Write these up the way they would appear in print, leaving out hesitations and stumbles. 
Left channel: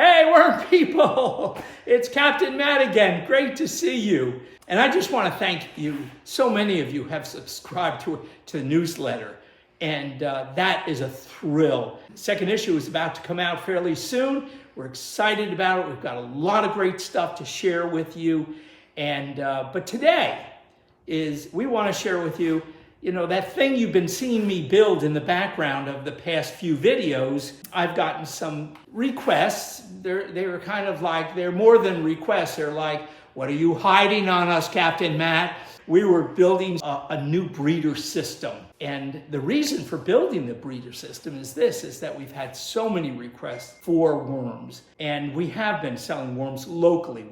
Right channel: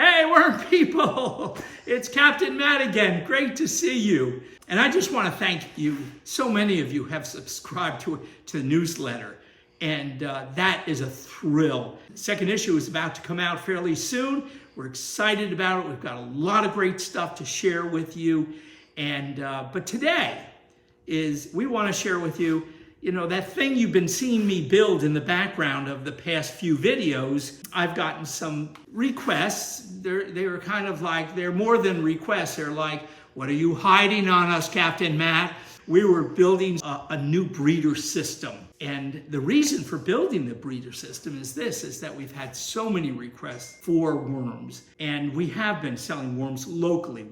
Hey, worm people! It's Captain Matt again. Great to see you. And I just want to thank you. So many of you have subscribed to the newsletter, and that is a thrill. The second issue is about to come out fairly soon. We're excited about it. We've got a lot of great stuff to share with you. And but today we want to share with you, that thing you've been seeing me build in the background of the past few videos. I've gotten some requests. They're kind of like, they're more than requests. They're like, what are you hiding on us, Captain Matt? We were building a new breeder system. And the reason for building the breeder system is that we've had so many requests for worms. And we have been selling worms locally.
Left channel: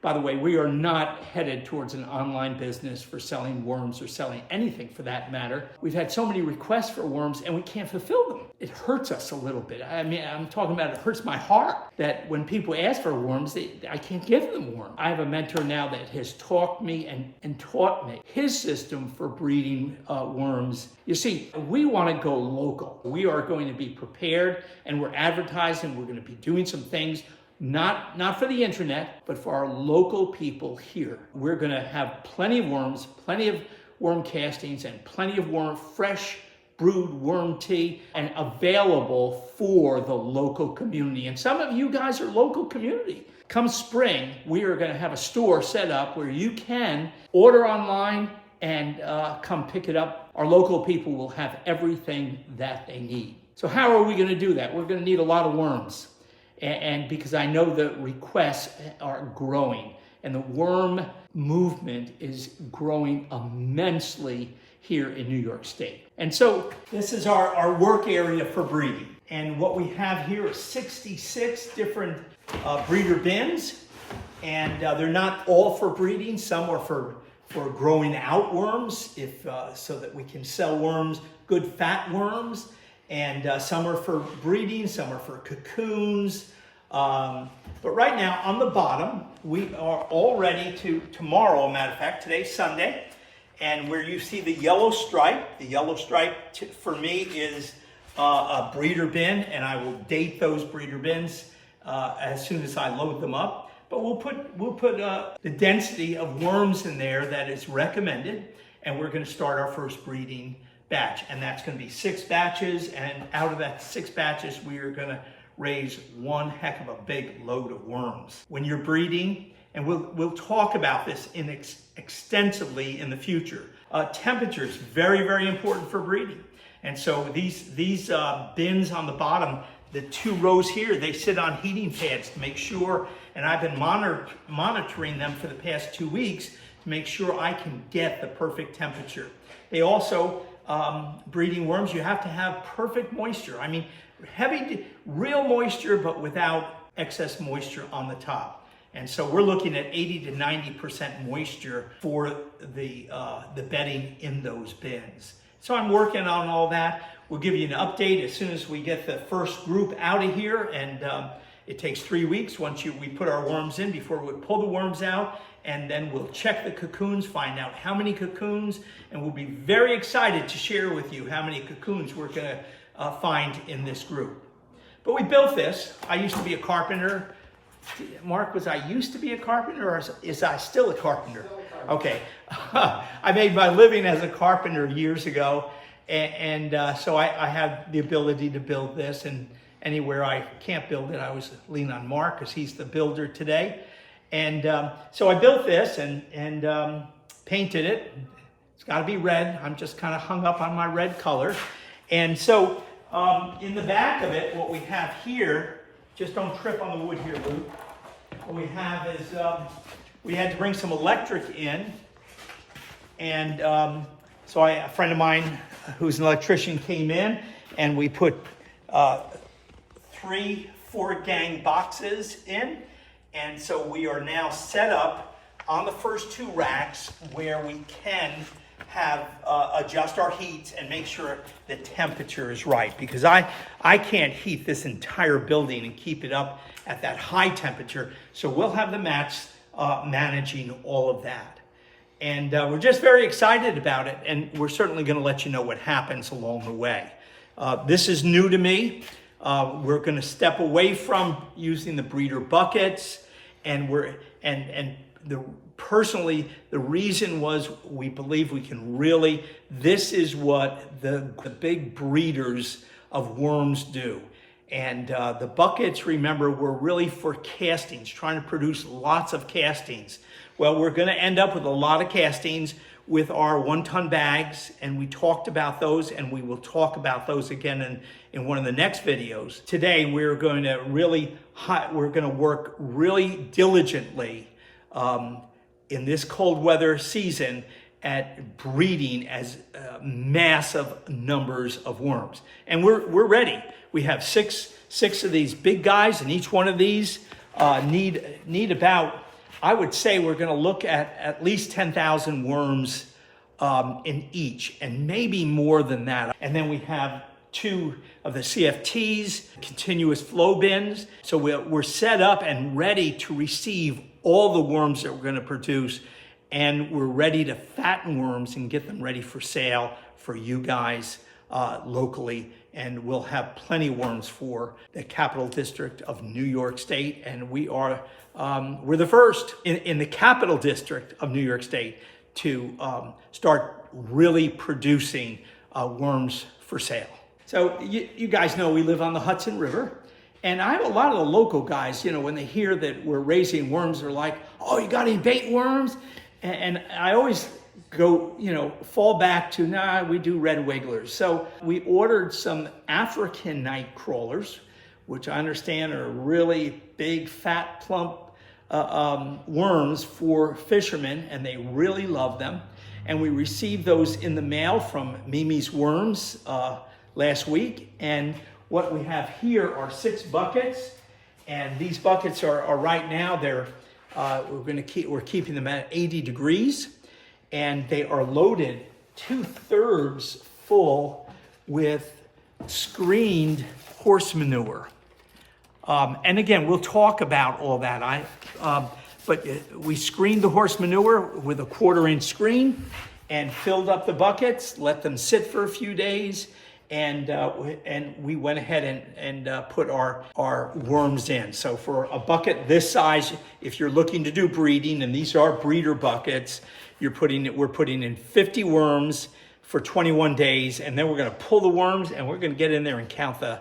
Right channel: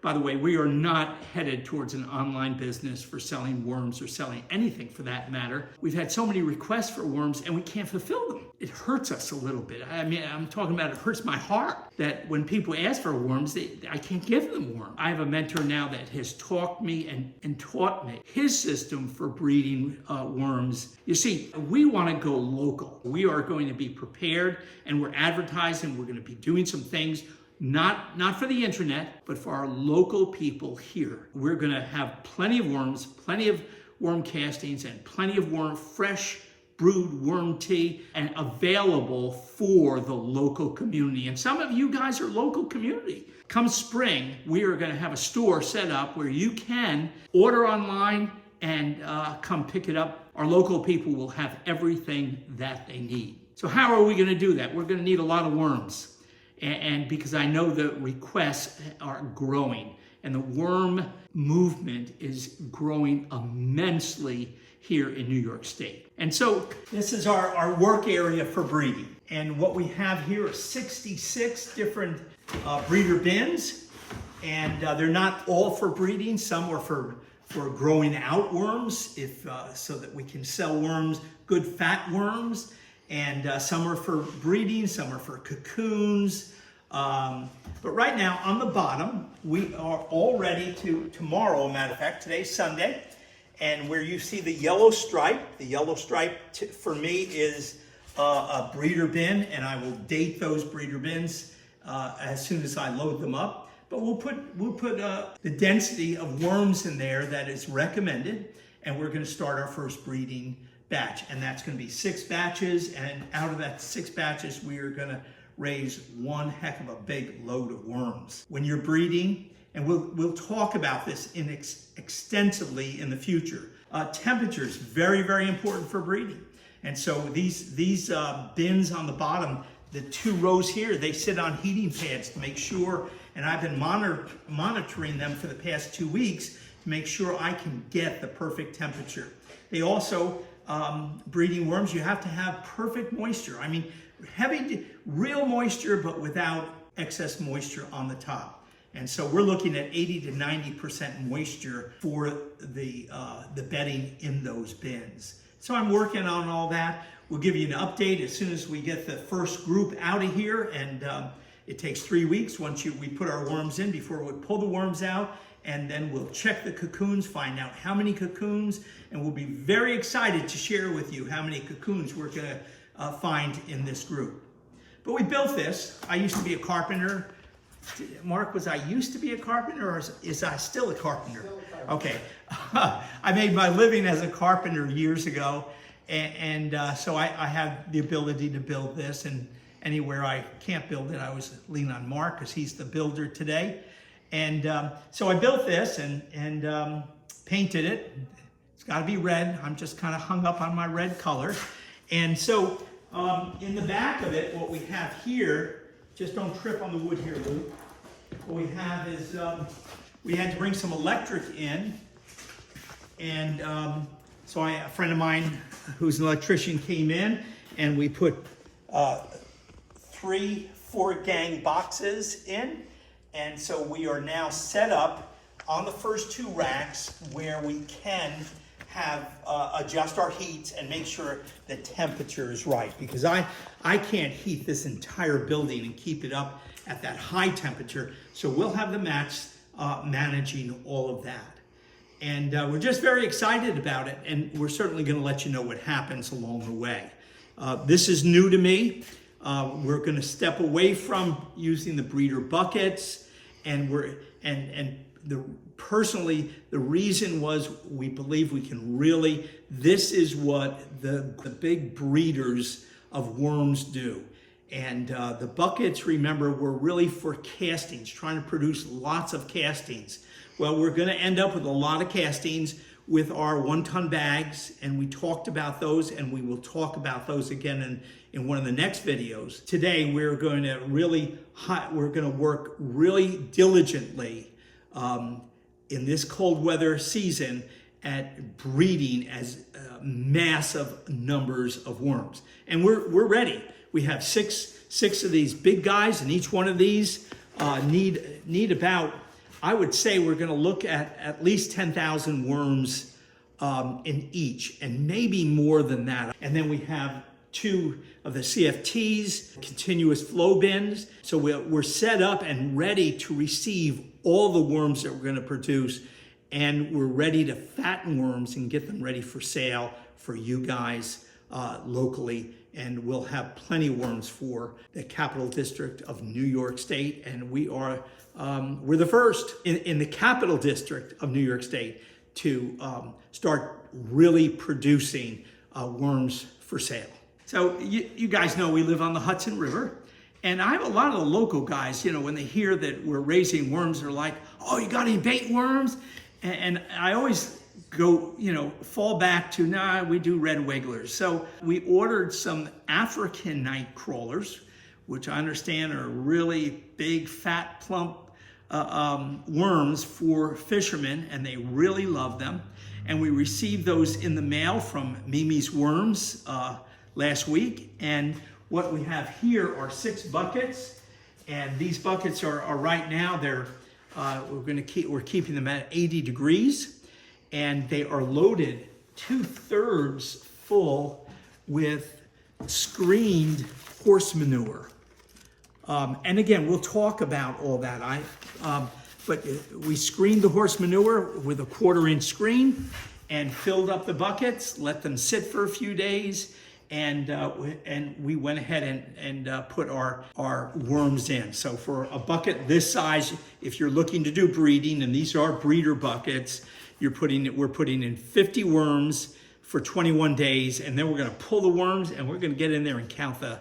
By the way, we are not headed towards an online business for selling worms or selling anything for that matter. We've had so many requests for worms and we can't fulfill them. It hurts us a little bit. I mean, I'm talking about it hurts my heart that when people ask for worms, I can't give them worms. I have a mentor now that has taught me and taught me his system for breeding worms. You see, we want to go local. We are going to be prepared, and we're advertising. We're going to be doing some things not for the internet, but for our local people here. We're going to have plenty of worms, plenty of worm castings, and plenty of fresh brewed worm tea, and available for the local community. And some of you guys are local community. Come spring, we are going to have a store set up where you can order online and come pick it up. Our local people will have everything that they need. So how are we going to do that? We're going to need a lot of worms. And because I know the requests are growing, and the worm movement is growing immensely here in New York State. And so this is our work area for breeding. And what we have here are 66 different breeder bins. And they're not all for breeding. Some are for growing out worms, so that we can sell worms, good fat worms. And some are for breeding, some are for cocoons. But right now, on the bottom, we are all ready tomorrow, matter of fact, today's Sunday. And where you see the yellow stripe for me is a breeder bin, and I will date those breeder bins as soon as I load them up. But we'll put the density of worms in there that is recommended, and we're going to start our first breeding batch, and that's going to be 6 batches. And out of that 6 batches, we are going to raise one heck of a big load of worms. When you're breeding, and we'll talk about this extensively in the future. Temperature is very, very important for breeding. And so these bins on the bottom, the 2 rows here, they sit on heating pads to make sure, and I've been monitoring them for the past 2 weeks to make sure I can get the perfect temperature. They also, breeding worms, you have to have perfect moisture. I mean, real moisture, but without excess moisture on the top. And so we're looking at 80 to 90% moisture for the bedding in those bins. So I'm working on all that. We'll give you an update as soon as we get the first group out of here. And it takes 3 weeks once we put our worms in before we pull the worms out. And then we'll check the cocoons, find out how many cocoons, and we'll be very excited to share with you how many cocoons we're going to find in this group. But we built this. I used to be a carpenter. Mark, was I used to be a carpenter, or is I still a carpenter? Okay. I made my living as a carpenter years ago, and so I have the ability to build this, and anywhere I can't build it, I always lean on Mark because he's the builder today. And so I built this and painted it. It's got to be red. I'm just kind of hung up on my red color. And so in the back of it, what we have here, just don't trip on the wood here, Luke. What we have is we had to bring some electric in. And so a friend of mine who's an electrician came in, and we put 3 4-gang boxes in. And so we are now set up on the first 2 racks where we can have adjust our heats and make sure the temperature is right, because I can't heat this entire building and keep it up at that high temperature. So we'll have the mats managing all of that. And we're just very excited about it, and we're certainly going to let you know what happens along the way. This is new to me. We're going to step away from using the breeder buckets, and personally, the reason was we believe we can really, this is what the big breeders of worms do. And the buckets, remember, were really for castings, trying to produce lots of castings. Well, we're going to end up with a lot of castings with our 1-ton bags, and we talked about those, and we will talk about those again in one of the next videos. Today, we're going to work really diligently in this cold weather season at breeding as massive numbers of worms. And we're ready. We have six of these big guys, and each one of these need about, I would say we're going to look at least 10,000 worms in each, and maybe more than that. And then we have 2 of the CFTs, continuous flow bins. So we're set up and ready to receive all the worms that we're going to produce, and we're ready to fatten worms and get them ready for sale for you guys locally. And we'll have plenty of worms for the Capital District of New York State, and we're the first in the Capital District of New York State to start really producing worms for sale. So you guys know we live on the Hudson River, and I have a lot of the local guys, when they hear that we're raising worms, they're like, "Oh, you got any bait worms?" And I always go, fall back to, nah, we do red wigglers. So we ordered some African night crawlers, which I understand are really big, fat, plump worms for fishermen, and they really love them. And we received those in the mail from Mimi's Worms last week. And what we have here are 6 buckets, and these buckets are right now, we're keeping them at 80 degrees, and they are loaded 2/3 full with screened horse manure. And again, we'll talk about all that. But we screened the horse manure with a 1/4-inch screen and filled up the buckets, let them sit for a few days, and we went ahead and put our worms in. So for a bucket this size, if you're looking to do breeding, and these are breeder buckets, we're putting in 50 worms for 21 days, and then we're going to pull the worms, and we're going to get in there and count the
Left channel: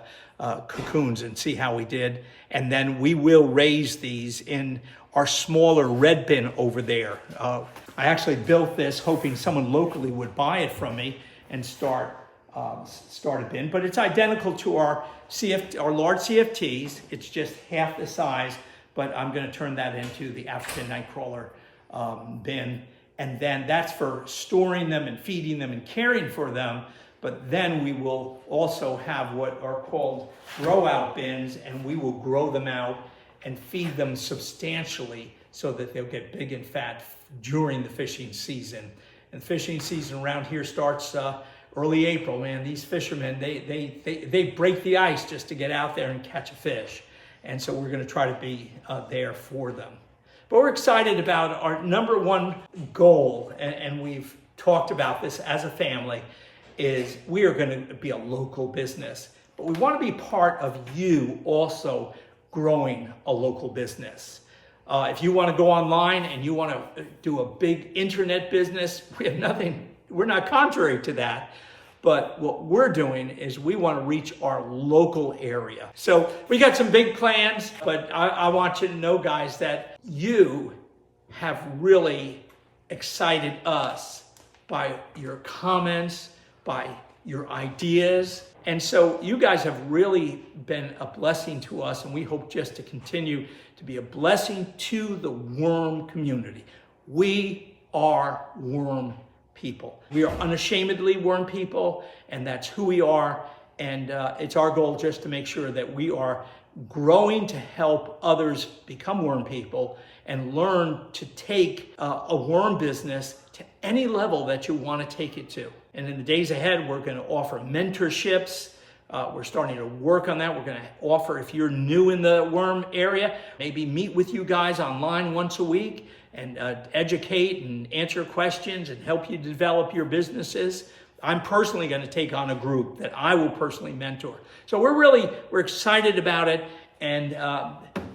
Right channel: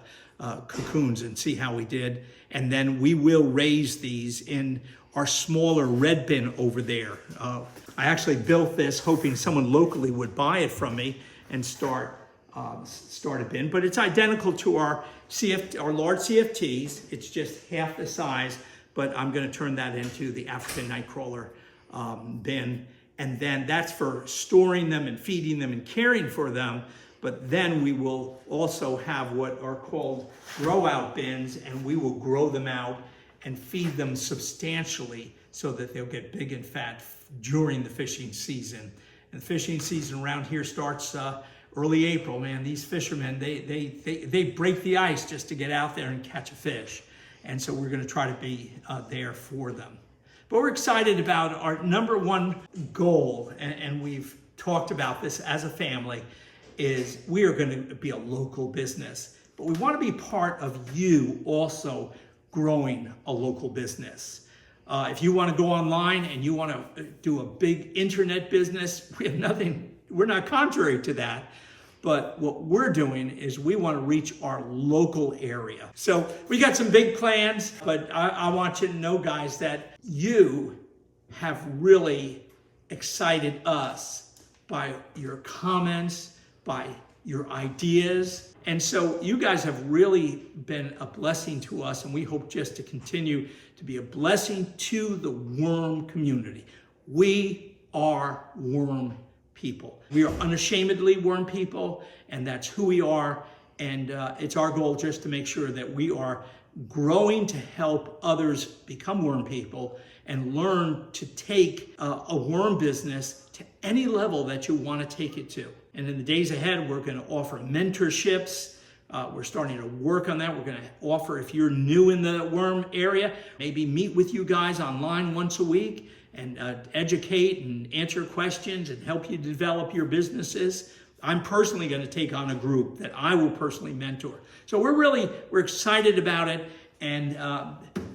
cocoons and see how we did. And then we will raise these in our smaller red bin over there. I actually built this hoping someone locally would buy it from me and start a bin, but it's identical to our large CFTs. It's just half the size, but I'm going to turn that into the African Nightcrawler bin. And then that's for storing them and feeding them and caring for them. But then we will also have what are called grow out bins, and we will grow them out and feed them substantially so that they'll get big and fat during the fishing season. And the fishing season around here starts early April, man. These fishermen, they break the ice just to get out there and catch a fish. And so we're going to try to be there for them. But we're excited about our number one goal, and we've talked about this as a family, is we are going to be a local business. But we want to be part of you also growing a local business. If you want to go online and you want to do a big internet business, we're not contrary to that. But what we're doing is we want to reach our local area. So we got some big plans, but I want you to know, guys, that you have really excited us by your comments, by your ideas. And so you guys have really been a blessing to us, and we hope just to continue to be a blessing to the worm community. We are worm people. We are unashamedly worm people, and that's who we are. And it's our goal just to make sure that we are growing to help others become worm people and learn to take a worm business to any level that you want to take it to. And in the days ahead, we're going to offer mentorships. We're starting to work on that. We're going to offer, if you're new in the worm area, maybe meet with you guys online once a week and educate and answer questions and help you develop your businesses. I'm personally going to take on a group that I will personally mentor. So we're excited about it. And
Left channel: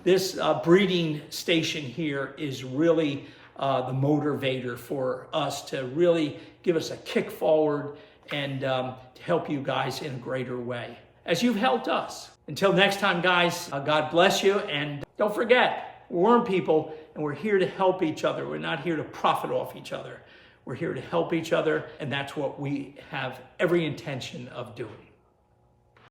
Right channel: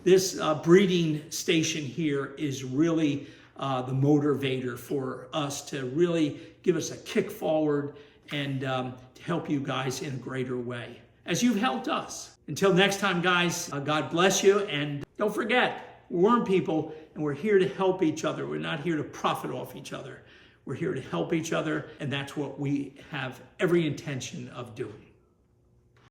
this breeding station here is really the motivator for us to really give us a kick forward and to help you guys in a greater way, as you've helped us. Until next time, guys, God bless you. And don't forget, we're worm people, and we're here to help each other. We're not here to profit off each other. We're here to help each other, and that's what we have every intention of doing.